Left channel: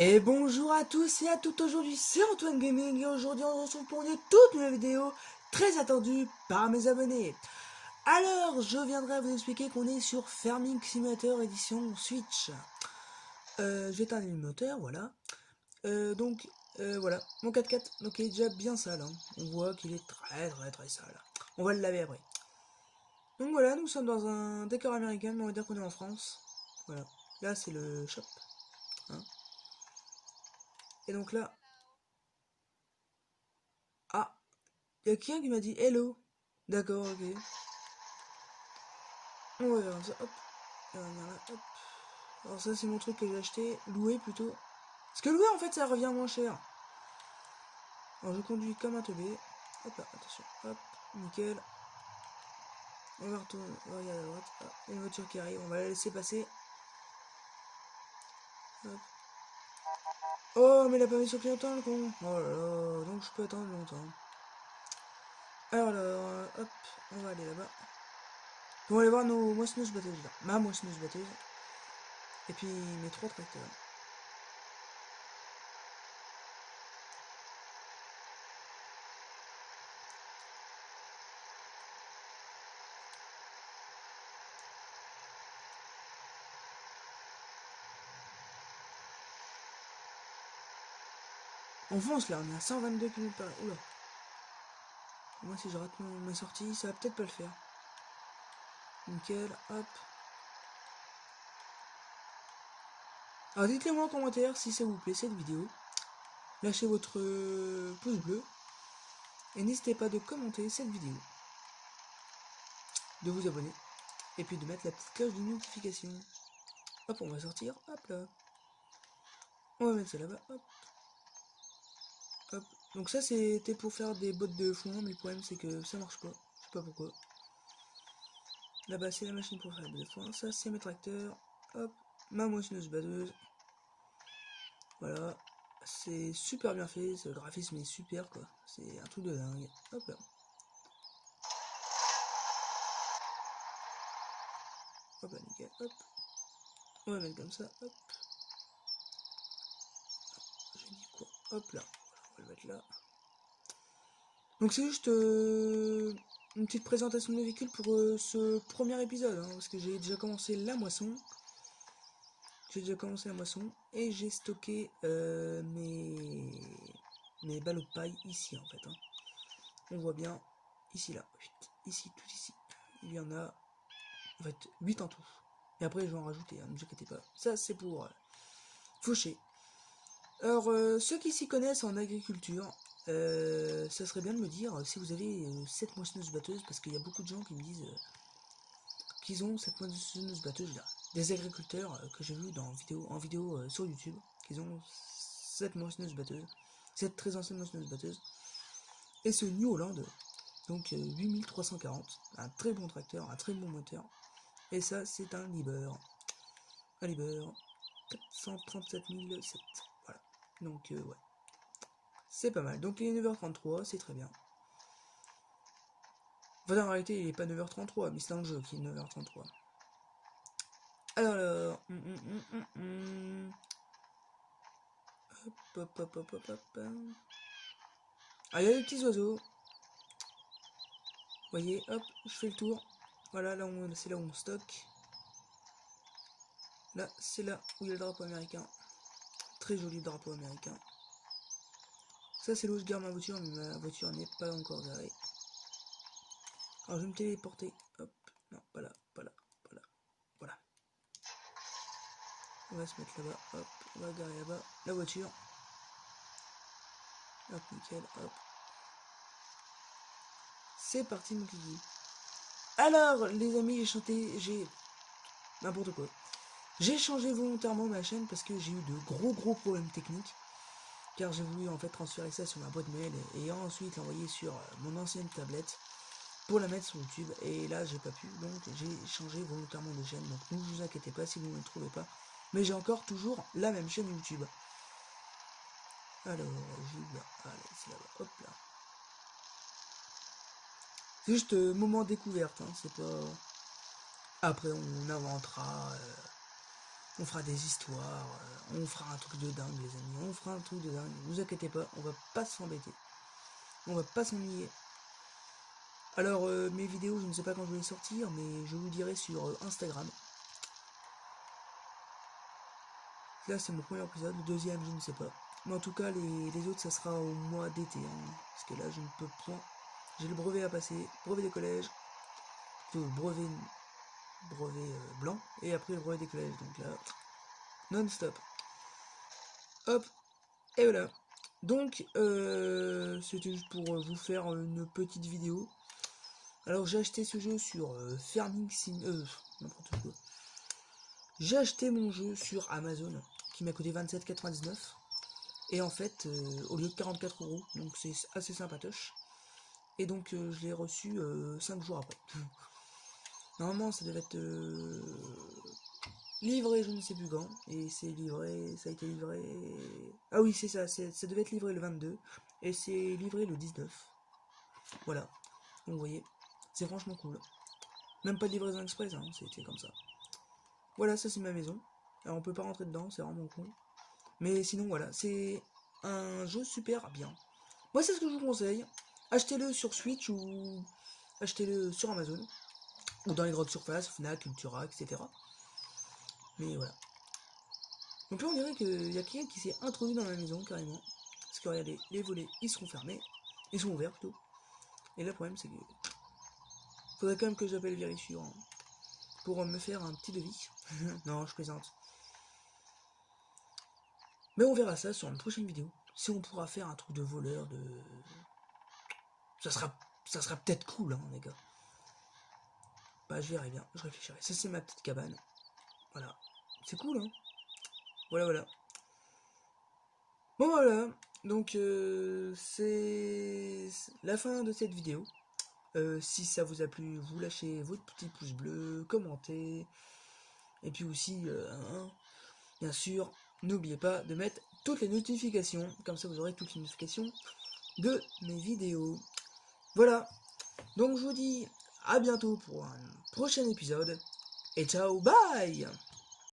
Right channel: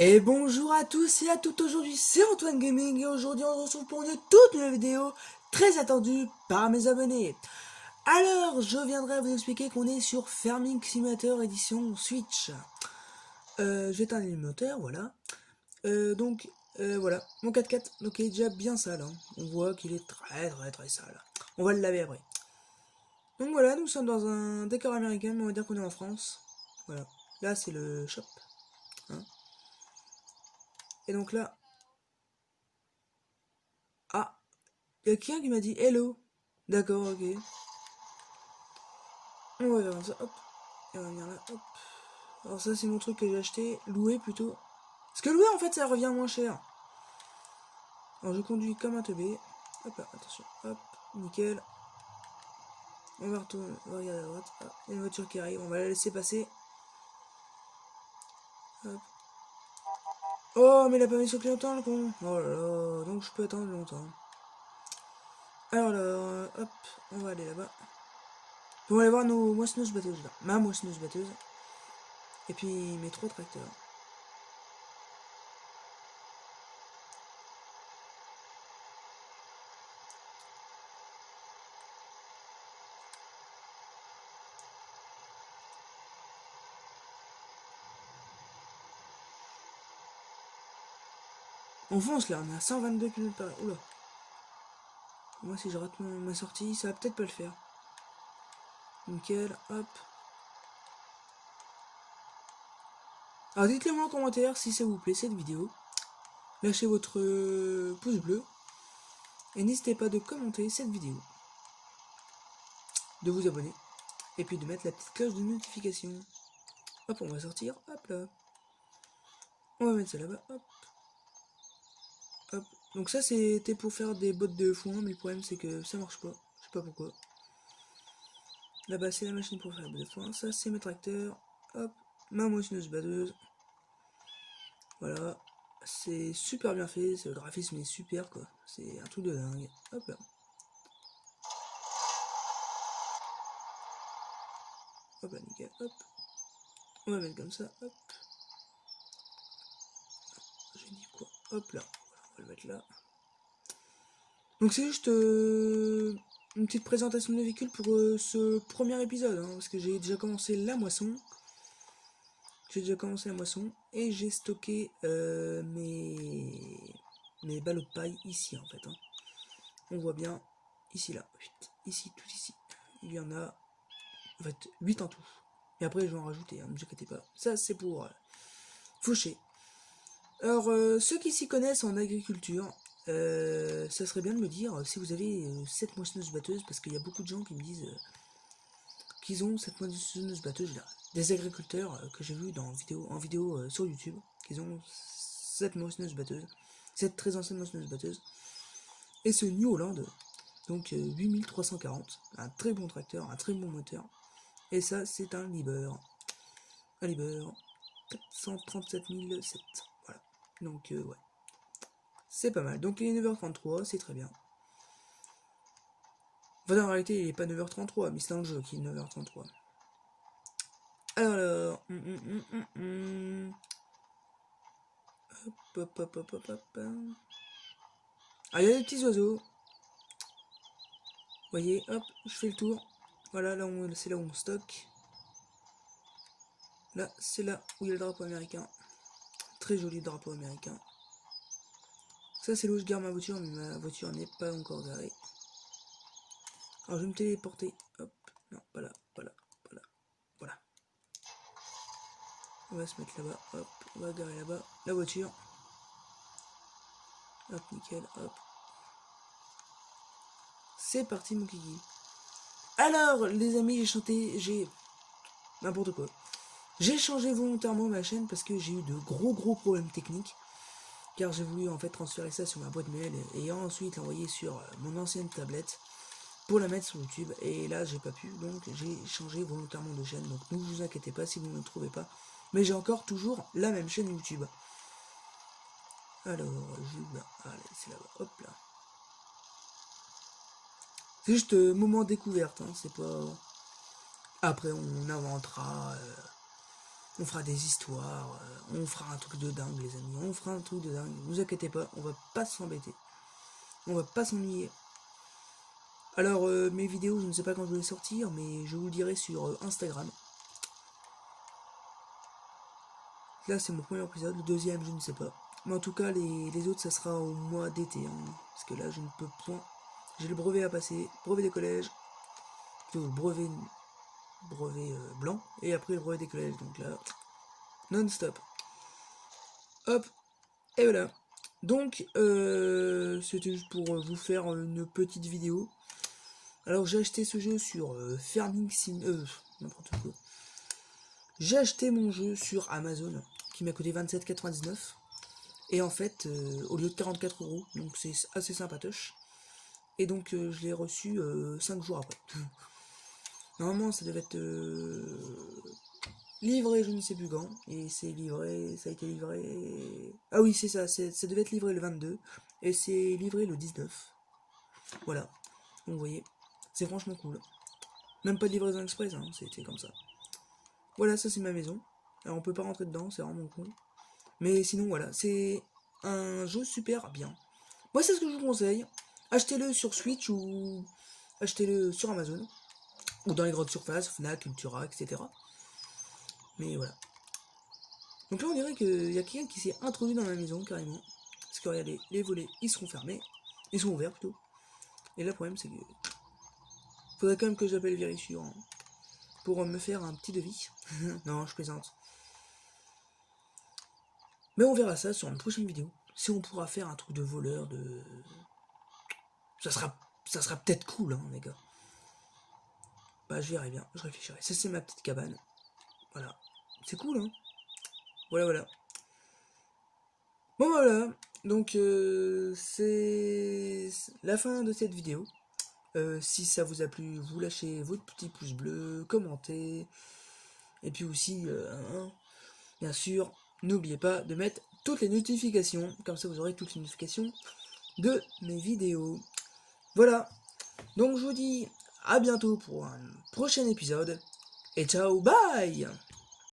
Et bonjour à tous et à toutes, aujourd'hui c'est Antoine Gaming et aujourd'hui on se retrouve pour une toute nouvelle vidéo très attendue par mes abonnés. Alors je viendrai vous expliquer qu'on est sur Farming Simulator édition Switch. Je vais éteindre l'émulateur, voilà. Voilà, mon 4x4 donc il est déjà bien sale, hein. On voit qu'il est très sale. On va le laver après. Donc voilà, nous sommes dans un décor américain, mais on va dire qu'on est en France. Voilà, là c'est le shop, hein. Et donc là, ah, il y a quelqu'un qui m'a dit hello. D'accord, ok. On va faire ça, hop. Et on va venir là, hop. Alors ça c'est mon truc que j'ai acheté, loué plutôt. Parce que louer en fait ça revient moins cher. Alors je conduis comme un teubé. Hop là, attention, hop, nickel. On va retourner, on va regarder à droite. Ah, il y a une voiture qui arrive, on va la laisser passer. Hop. Oh mais il a pas mis sur clignotant le con. Oh là là, donc je peux attendre longtemps. Alors là, hop, on va aller là-bas. On va aller voir nos moissonneuses batteuses là. Ma moissonneuse batteuse. Et puis mes 3 tracteurs. On fonce là, on est à 122 km par heure. Oula. Moi si je rate ma sortie, ça va peut-être pas le faire. Nickel, hop. Alors dites-le moi en commentaire si ça vous plaît cette vidéo. Lâchez votre pouce bleu. Et n'hésitez pas de commenter cette vidéo. De vous abonner. Et puis de mettre la petite cloche de notification. Hop, on va sortir. Hop là. On va mettre ça là-bas. Hop. Hop. Donc ça c'était pour faire des bottes de foin. Mais le problème c'est que ça marche pas. Je sais pas pourquoi. Là-bas c'est la machine pour faire des bottes de foin. Ça c'est mes tracteurs. Hop. Ma moissonneuse batteuse. Voilà. C'est super bien fait. Le graphisme est super quoi. C'est un truc de dingue. Hop là. Hop là, nickel. Hop. On va mettre comme ça. Hop. J'ai dit quoi? Hop là. Voilà, on va le mettre là. Donc c'est juste une petite présentation de véhicule pour ce premier épisode, hein, parce que j'ai déjà commencé la moisson. Et j'ai stocké mes ballots de paille ici en fait. Hein. On voit bien ici là, ici, tout ici. Il y en a en fait 8 en tout. Et après je vais en rajouter, hein, ne vous inquiétez pas. Ça c'est pour faucher. Alors ceux qui s'y connaissent en agriculture, ça serait bien de me dire si vous avez cette moissonneuse batteuse, parce qu'il y a beaucoup de gens qui me disent qu'ils ont cette moissonneuse batteuse là. Des agriculteurs que j'ai vu en vidéo sur YouTube, qu'ils ont cette moissonneuse batteuse, cette très ancienne moissonneuse batteuse, et ce New Holland, donc 8340, un très bon tracteur, un très bon moteur, et ça c'est un Liber, 437 007, voilà, donc ouais. C'est pas mal. Donc il est 9h33, c'est très bien. Enfin, en réalité, il est pas 9h33, mais c'est dans le jeu qui est 9h33. Alors, hop. Ah, il y a des petits oiseaux. Vous voyez, hop, je fais le tour. Voilà, là c'est là où on stocke. Là, c'est là où il y a le drapeau américain. Très joli drapeau américain. Ça, c'est là où je garde ma voiture, mais ma voiture n'est pas encore garée. Alors, je vais me téléporter. Hop, non, pas là. Voilà. On va se mettre là-bas, hop, on va garer là-bas la voiture. Hop, nickel, hop. C'est parti mon kiki. Alors les amis, j'ai n'importe quoi. J'ai changé volontairement ma chaîne parce que j'ai eu de gros problèmes techniques. Car j'ai voulu en fait transférer ça sur ma boîte mail et ensuite l'envoyer sur mon ancienne tablette pour la mettre sur YouTube. Et là j'ai pas pu, donc j'ai changé volontairement de chaîne. Donc ne vous inquiétez pas si vous ne le trouvez pas. Mais j'ai encore toujours la même chaîne YouTube. Alors, allez, c'est là-bas, hop là. C'est juste moment découverte, hein, c'est pas... Après on inventera On fera des histoires, on fera un truc de dingue les amis, on fera un truc de dingue, ne vous inquiétez pas, on va pas s'embêter, on va pas s'ennuyer. Alors mes vidéos, je ne sais pas quand je vais les sortir, mais je vous le dirai sur Instagram. Là c'est mon premier épisode, le deuxième je ne sais pas. Mais en tout cas les autres ça sera au mois d'été, hein, parce que là je ne peux point. J'ai le brevet à passer, brevet des collèges, le brevet blanc, et après le brevet des collèges, donc là, non-stop. Hop, et voilà. Donc, c'était juste pour vous faire une petite vidéo. Alors, j'ai acheté ce jeu sur Farming Sim... n'importe quoi. J'ai acheté mon jeu sur Amazon, qui m'a coûté 27,99. Et en fait, au lieu de 44 €, donc c'est assez sympatoche. Et donc, je l'ai reçu 5 jours après. Normalement, ça devait être livré je ne sais plus quand, et c'est livré, ça a été livré... Ah oui, c'est ça, ça devait être livré le 22, et c'est livré le 19. Voilà, donc vous voyez, c'est franchement cool. Même pas de livraison express, hein, c'était comme ça. Voilà, ça c'est ma maison. Alors on peut pas rentrer dedans, c'est vraiment cool. Mais sinon voilà, c'est un jeu super bien. Moi c'est ce que je vous conseille. Achetez-le sur Switch ou achetez-le sur Amazon. Ou dans les grandes surfaces, Fnac, Cultura, etc. Mais voilà. Donc là on dirait qu'il y a quelqu'un qui s'est introduit dans la maison carrément. Parce que regardez, les volets ils seront fermés. Ils sont ouverts plutôt. Et là le problème c'est que... faudrait quand même que j'appelle Vérifiant hein, pour me faire un petit devis. Non, je plaisante. Mais on verra ça sur une prochaine vidéo. Si on pourra faire un truc de voleur, de... Ça sera peut-être cool, hein, les gars. Bah, je verrai bien, je réfléchirai. Ça, c'est ma petite cabane. Voilà. C'est cool, hein. Voilà. Bon, voilà. Donc, c'est la fin de cette vidéo. Si ça vous a plu, vous lâchez votre petit pouce bleu, commentez. Et puis aussi, bien sûr, n'oubliez pas de mettre toutes les notifications. Comme ça, vous aurez toutes les notifications de mes vidéos. Voilà. Donc, je vous dis à bientôt pour un prochain épisode. Et ciao, bye!